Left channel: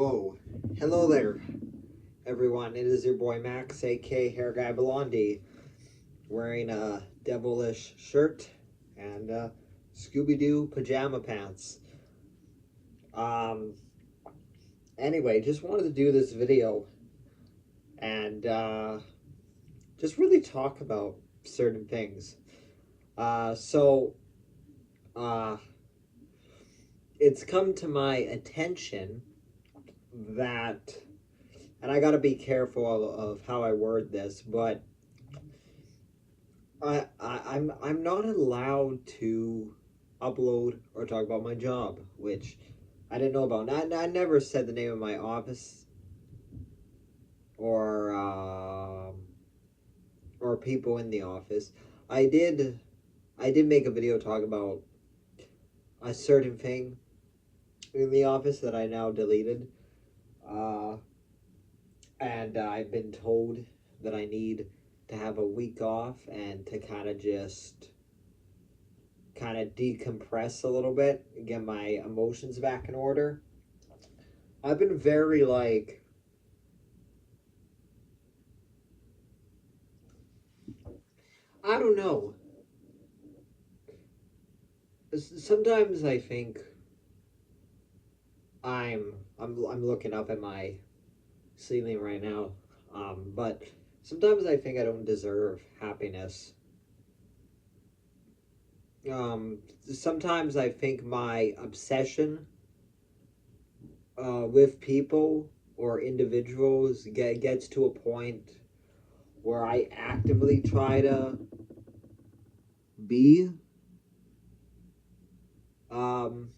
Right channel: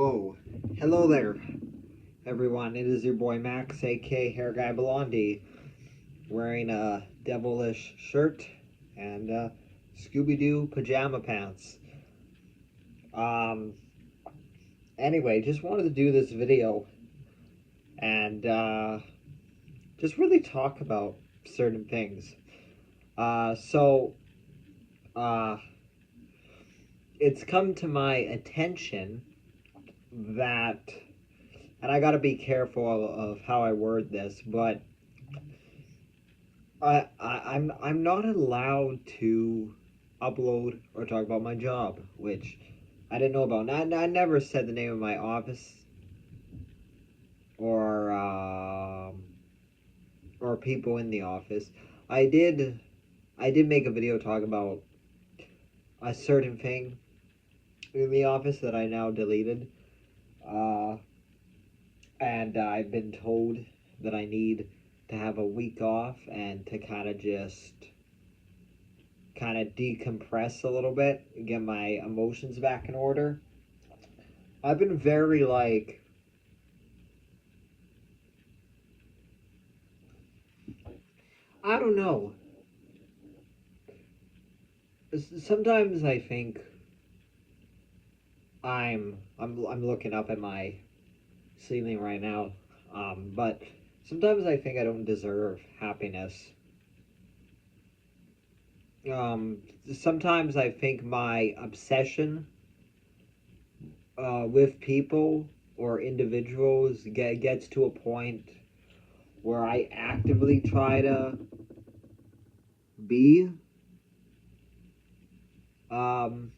Whoa. Hello there, everyone. It is your boy Max, aka Hair Guy Blondie, wearing a devilish shirt and Scooby-Doo pajama pants. Um, anyway, just wanted to do this video and just really talk about certain things. So, uh, it's come to my attention that, and I gotta be careful of how I word this, but I'm not allowed to upload or talk about my job, which I didn't know about. I never said the name of my office or people in the office. I did make a video talking about a certain thing in the office that I now deleted. Uh, and I've been told that I need to have a week off and to kind of decompress a little bit, get my emotions back in order. I've been very I don't know. Sometimes I think I'm looking up at my ceiling right now, but sometimes I think I don't deserve happiness. Sometimes I think my obsession with people or individuals gets to a point where I actively try to be um,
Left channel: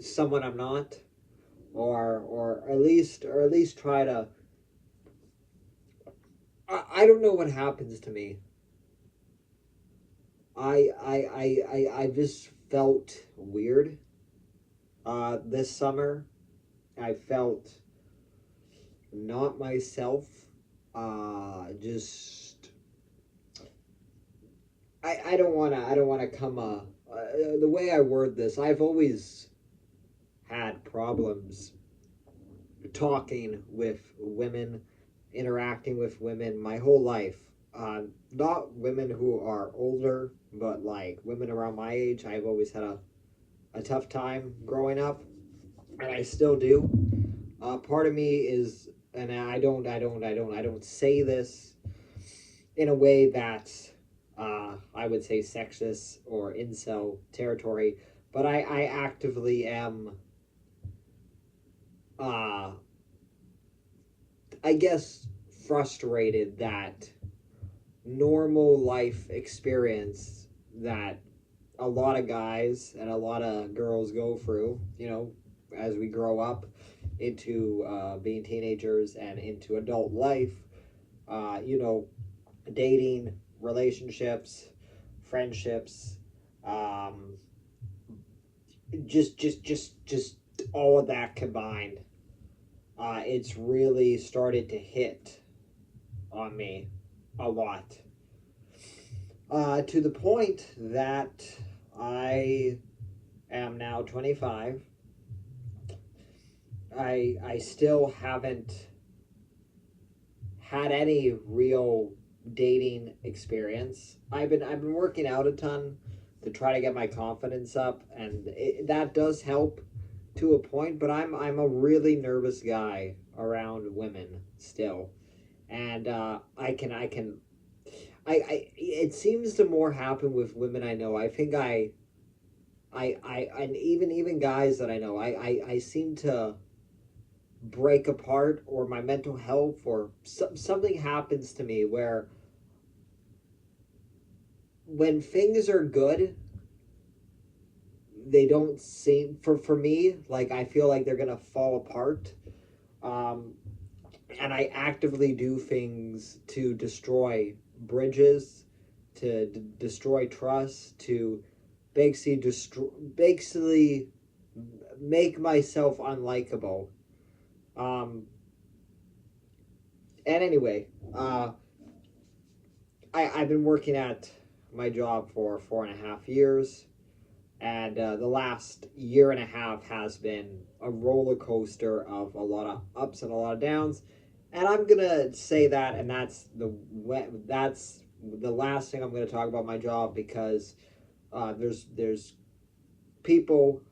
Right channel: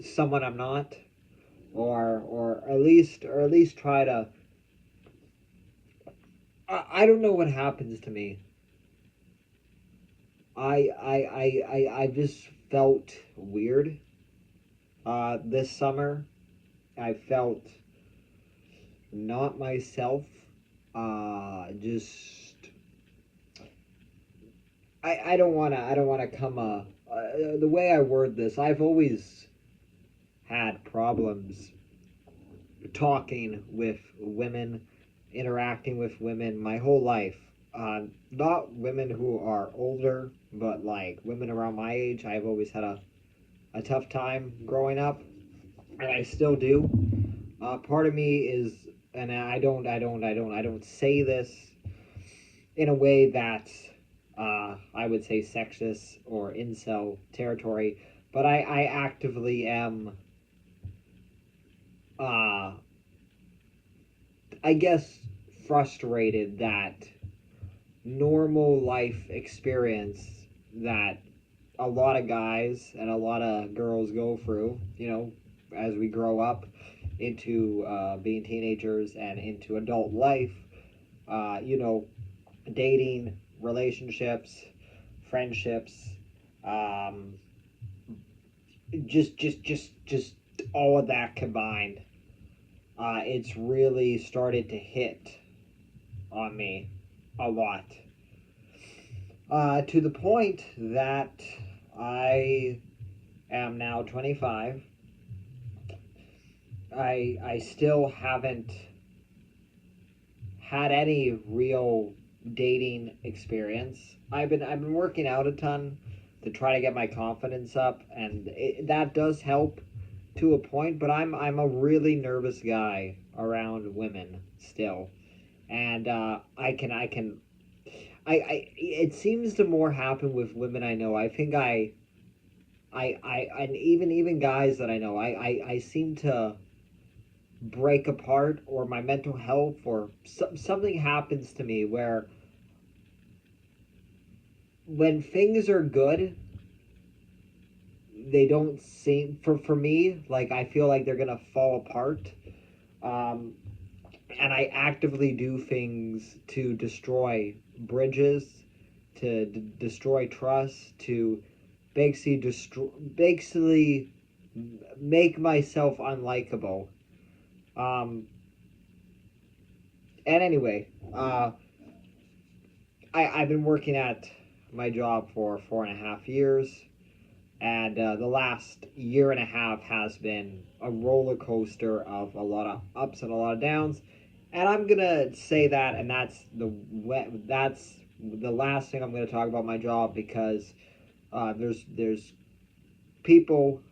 someone I'm not, or at least try to. I don't know what happens to me. I just felt weird this summer. I felt not myself. Just I don't wanna come the way I word this. I've always had problems talking with women, interacting with women my whole life. Not women who are older, but like women around my age. I've always had a tough time growing up, and I still do. Part of me is, and I don't say this in a way that's, I would say sexist or incel territory, but I actively am, uh, I guess, frustrated that normal life experience that a lot of guys and a lot of girls go through, as we grow up into being teenagers and into adult life, uh, you know, dating, relationships, friendships, um, just all of that combined. It's really started to hit on me a lot. To the point that I am now 25. I still haven't had any real dating experience. I've been working out a ton to try to get my confidence up, and that does help to a point. But I'm a really nervous guy around women still, and it seems to more happen with women I know. I think and even guys that I know, I seem to break apart, or my mental health, or something happens to me where when things are good, they don't seem, for me, like I feel like they're gonna fall apart. um and I actively do things to destroy bridges, to destroy trust, to basically make myself unlikable. um and anyway, I've been working at my job for 4.5 years. And the last year and a half has been a roller coaster of a lot of ups and a lot of downs. And I'm gonna say that, and that's the last thing I'm gonna talk about my job, because there's people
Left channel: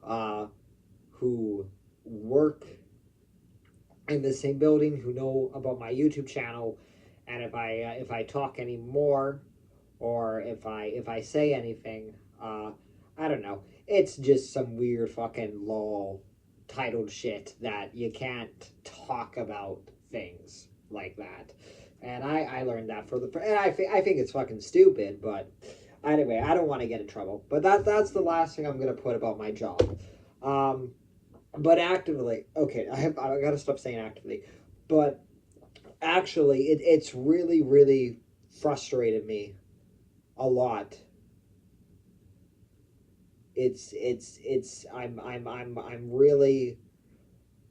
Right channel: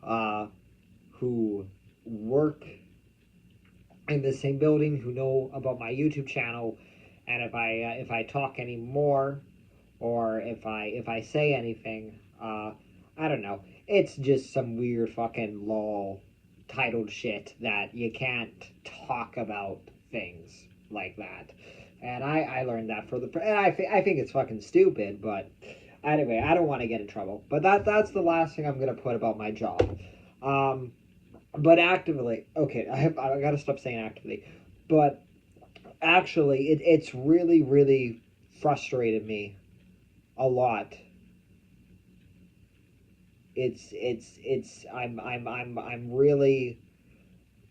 who work in the same building who know about my YouTube channel, and if I talk any more, or if I say anything, I don't know. It's just some weird fucking law titled shit that you can't talk about things like that. And I learned that and I think it's fucking stupid, but anyway, I don't want to get in trouble. But that's the last thing I'm gonna put about my job. Um, but actively, okay, I gotta stop saying actively, but actually, it's really frustrated me a lot. It's I'm really,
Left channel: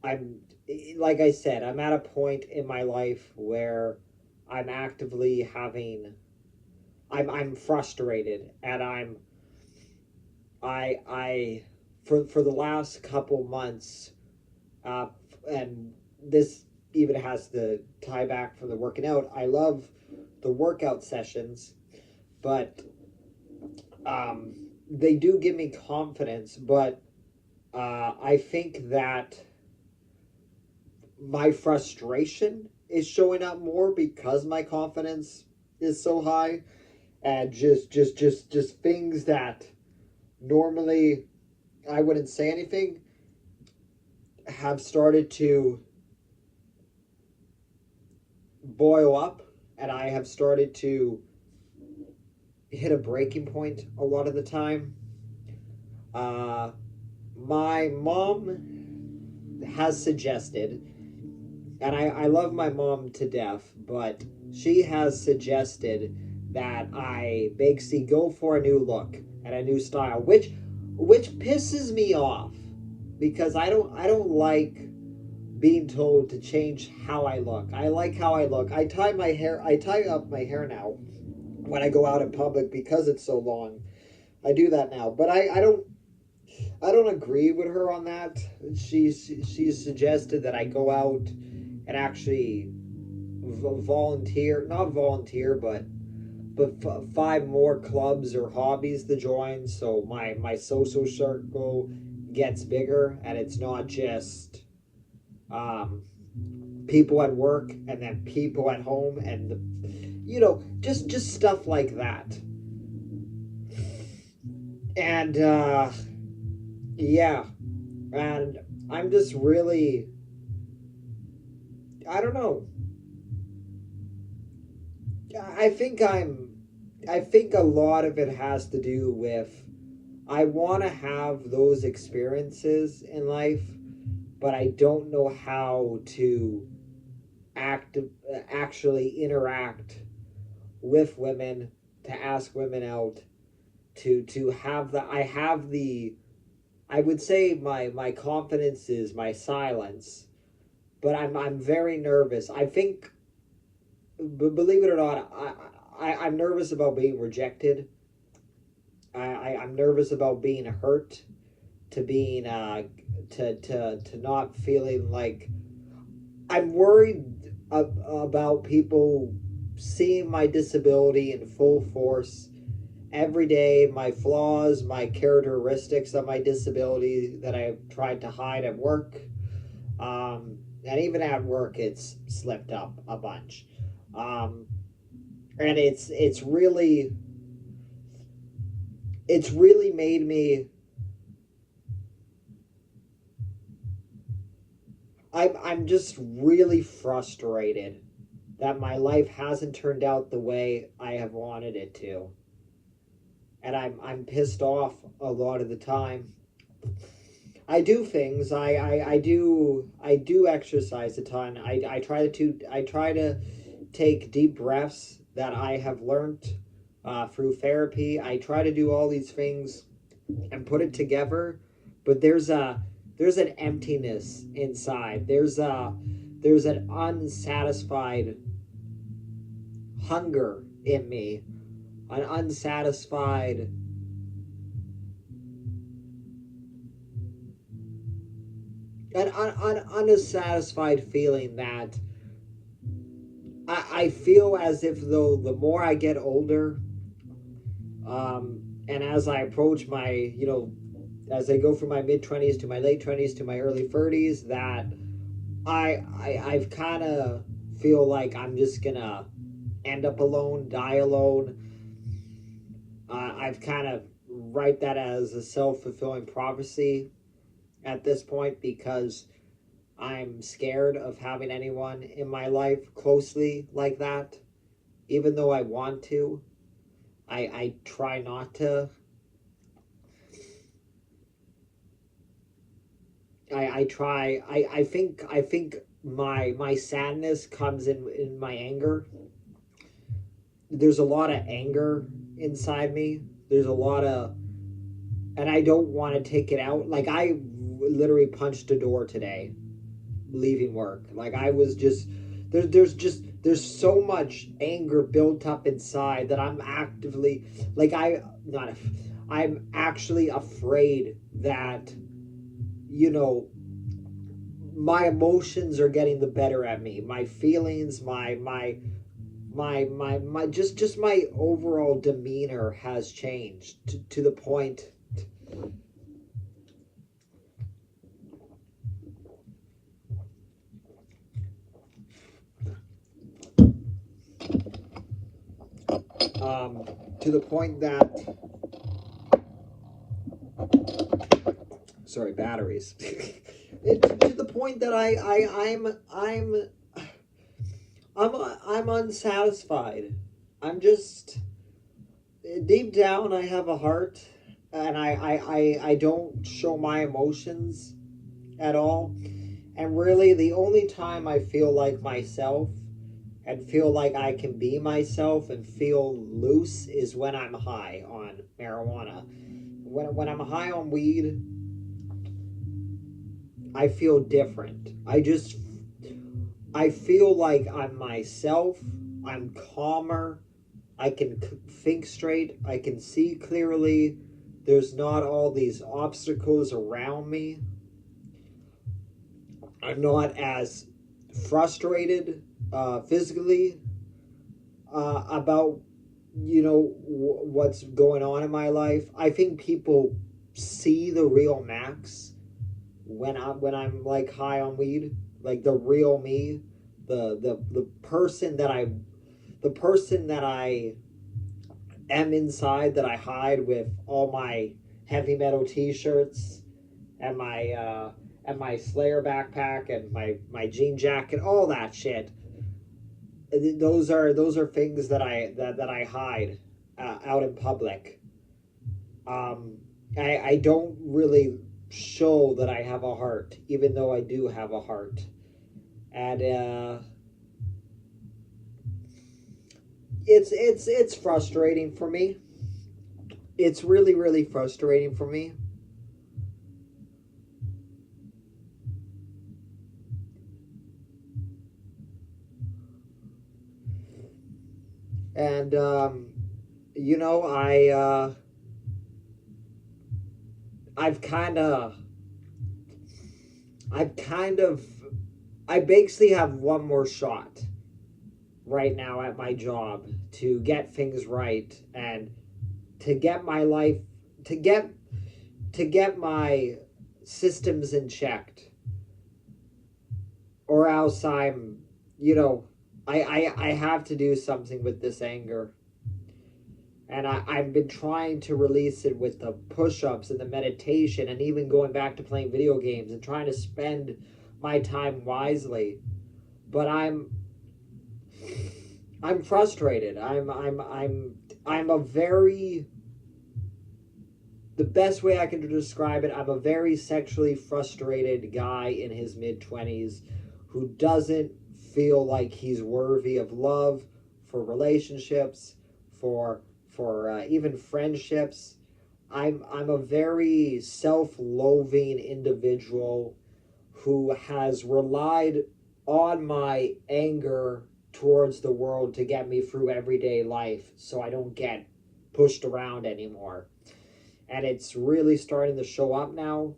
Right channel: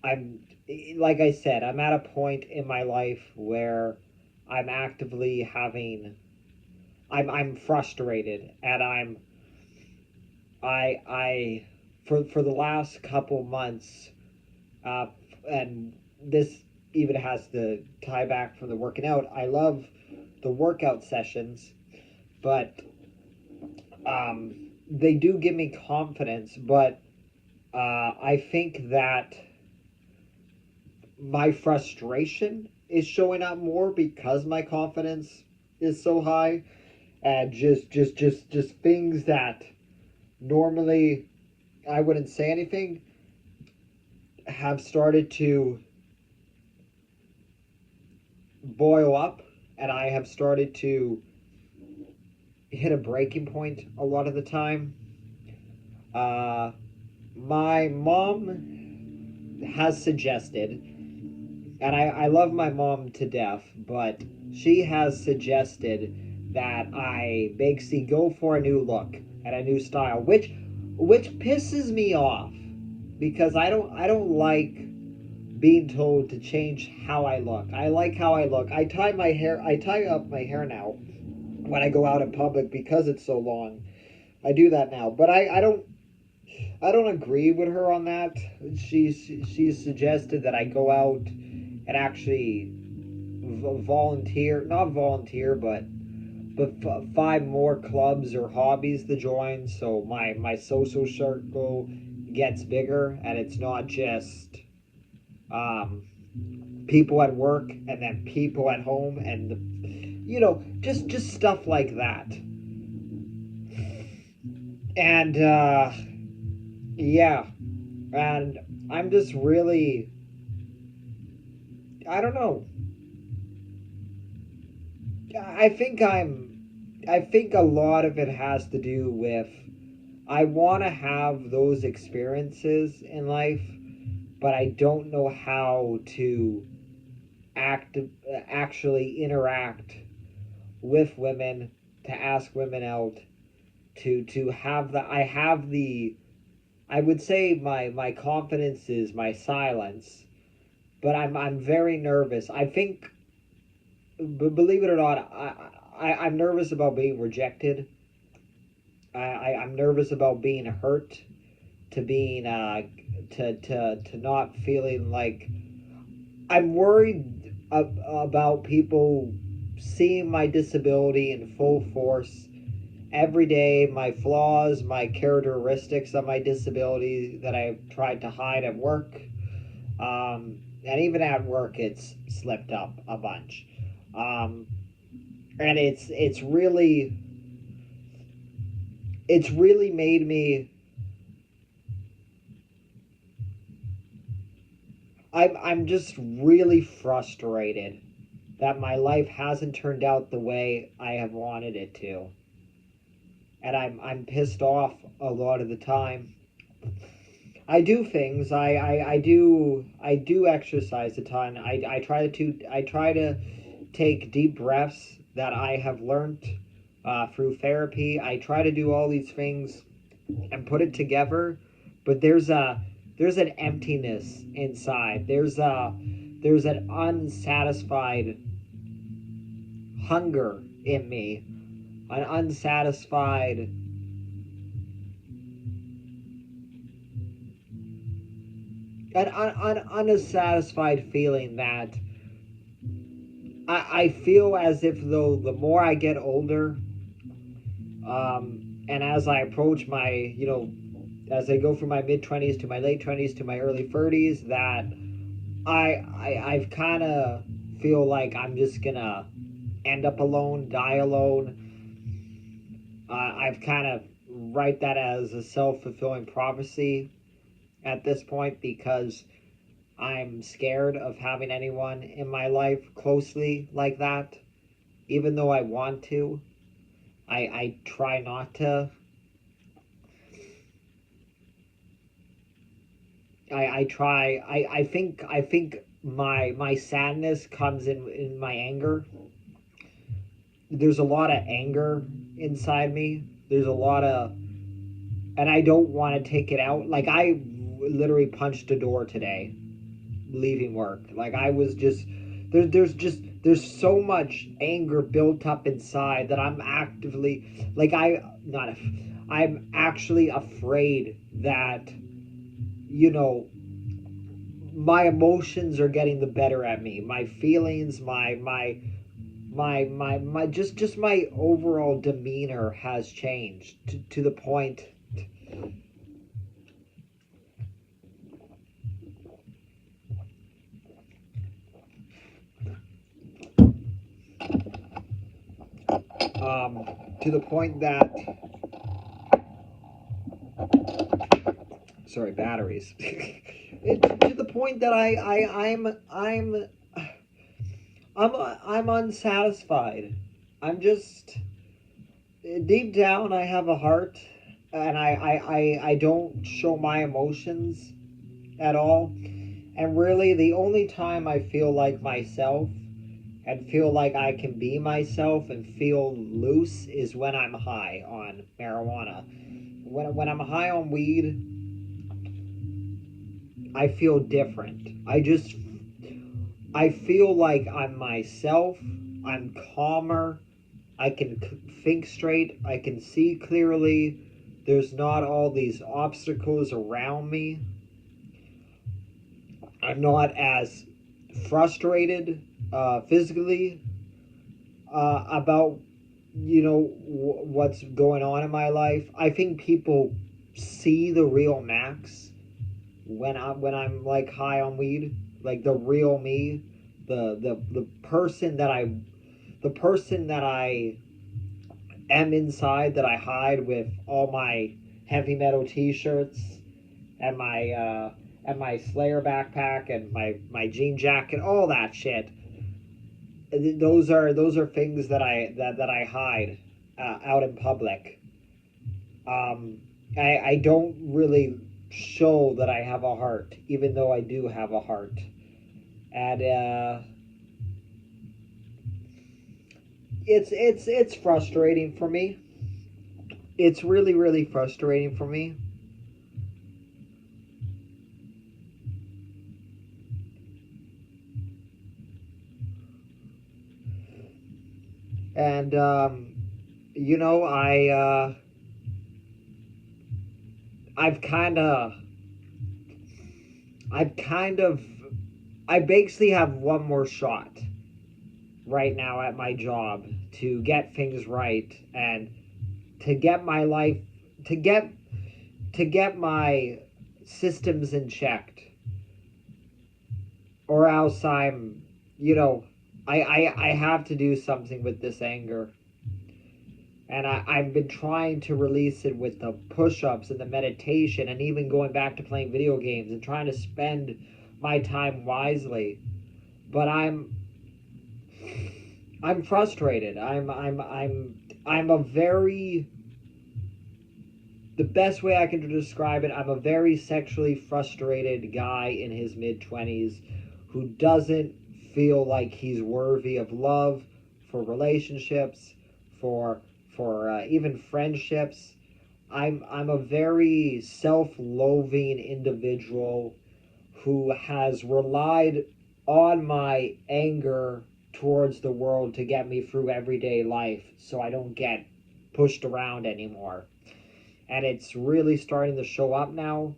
I'm like I said, I'm at a point in my life where I'm actively having, I'm frustrated, and I for the last couple months, uh and this even has the tie back from the working out. I love the workout sessions, but um they do give me confidence, but I think that my frustration is showing up more because my confidence is so high, and just things that normally I wouldn't say anything have started to boil up, and I have started to hit a breaking point a lot of the time. Uh, my mom has suggested, and I love my mom to death, but she has suggested that I basically go for a new look and a new style, which pisses me off, because I don't like being told to change how I look. I like how I look. I tie up my hair now when I go out in public because it's so long. I do that now, but I don't agree with her on that. She's suggested that I go out and actually volunteer, not volunteer, but find more clubs or hobbies to join, so my social circle gets bigger, and it's not just um, people at work and then people at home, and just stuff like that. And yeah, and I'm just really, I don't know. I think I think a lot of it has to do with, I want to have those experiences in life, but I don't know how to act actually interact with women, to ask women out, to have the I have the I would say my confidence is my silence, but I'm very nervous. I think, believe it or not, I'm nervous about being rejected. I'm nervous about being hurt, to being to not feeling like, I'm worried about people seeing my disability in full force every day, my flaws, my characteristics of my disability that I've tried to hide at work. And even at work, it's slipped up a bunch. Um, and it's really made me, I'm just really frustrated that my life hasn't turned out the way I have wanted it to. And I'm pissed off a lot of the time. I do things. I do exercise a ton. I try to take deep breaths that I have learned through therapy. I try to do all these things and put it together, but there's an emptiness inside. There's an unsatisfied hunger in me, an unsatisfied an unsatisfied feeling that I feel as if though the more I get older, and as I approach my, as I go from my mid 20s to my late 20s to my early 30s, that I've kind of feel like I'm just gonna end up alone, die alone. I've kind of write that as a self-fulfilling prophecy at this point because I'm scared of having anyone in my life closely like that. Even though I want to, I try not to. I try. I think my sadness comes in my anger. There's a lot of anger inside me. There's a lot of, and I don't want to take it out. Like I literally punched a door today, leaving work. Like I was just there's so much anger built up inside that I'm actively like I not I'm actually afraid that you know my emotions are getting the better at me. My feelings, my just my overall demeanor has changed to the point um to the point that sorry batteries to the point that I'm I'm unsatisfied. I'm just deep down I have a heart and I don't show my emotions at all. And really the only time I feel like myself and feel like I can be myself and feel loose is when I'm high on marijuana. When I'm high on weed, I feel different. I feel like I'm myself. I'm calmer. I can think straight. I can see clearly. There's not all these obstacles around me. I'm not as frustrated physically about what's going on in my life. I think people see the real Max when I'm like high on weed, like the real me, the person that I am inside that I hide with all my heavy metal T-shirts and my Slayer backpack and my jean jacket, all that shit. Those are things that I hide out in public. Um, I don't really show that I have a heart, even though I do have a heart, and it's frustrating for me. It's really frustrating for me. And you know, I've kind of I've kind of I basically have one more shot right now at my job to get things right and to get my life to get to get my systems in check, or else I'm you know I have to do something with this anger. And I've been trying to release it with the push-ups and the meditation and even going back to playing video games and trying to spend my time wisely. But I'm frustrated. I'm a very the best way I can describe it, I'm a very sexually frustrated guy in his mid 20s who doesn't feel like he's worthy of love, for relationships, for even friendships. I'm a very self-loathing individual who has relied on my anger towards the world to get me through everyday life so I don't get pushed around anymore. And it's really starting to show up now.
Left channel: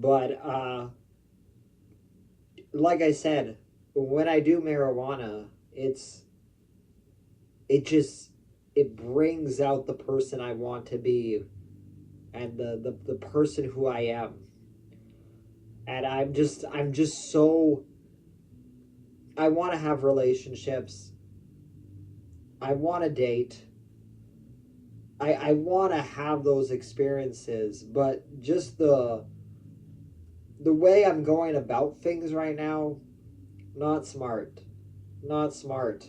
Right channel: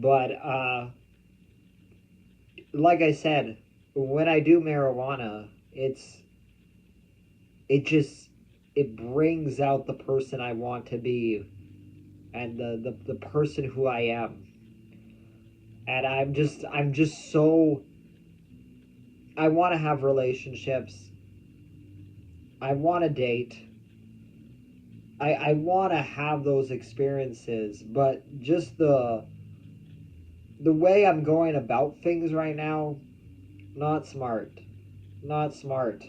But like I said, when I do marijuana, it just it brings out the person I want to be and the person who I am. And I'm just so I want to have relationships. I want to date. I want to have those experiences, but just the way I'm going about things right now, not smart. Not smart.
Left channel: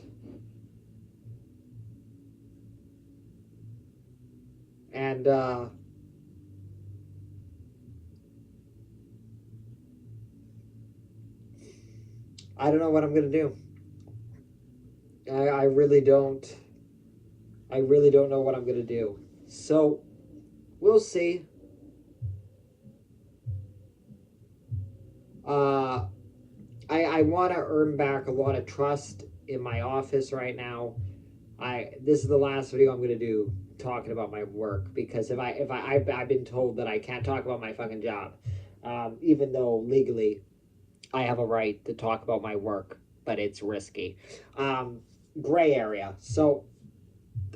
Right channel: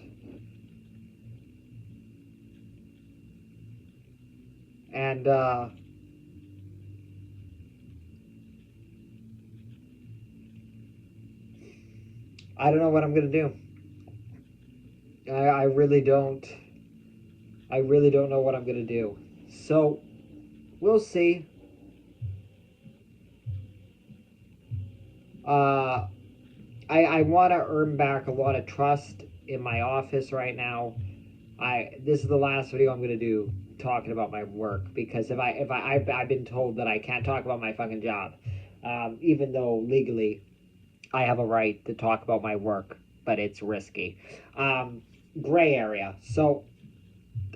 And I don't know what I'm going to do. I really don't. I really don't know what I'm going to do. So, we'll see. Uh, I want to earn back a lot of trust in my office right now. This is the last video I'm going to do talking about my work, because I've been told that I can't talk about my fucking job, even though legally I have a right to talk about my work, but it's risky. Gray area. So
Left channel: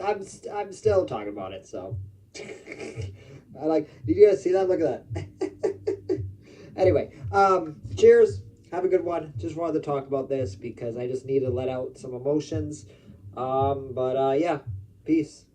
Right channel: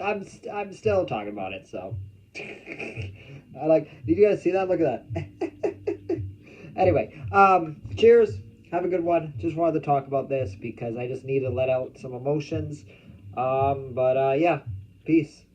I'm still talking about it. So I like. Did you guys see that? Look at that. Anyway, cheers. Have a good one. Just wanted to talk about this because I just need to let out some emotions. But yeah, peace.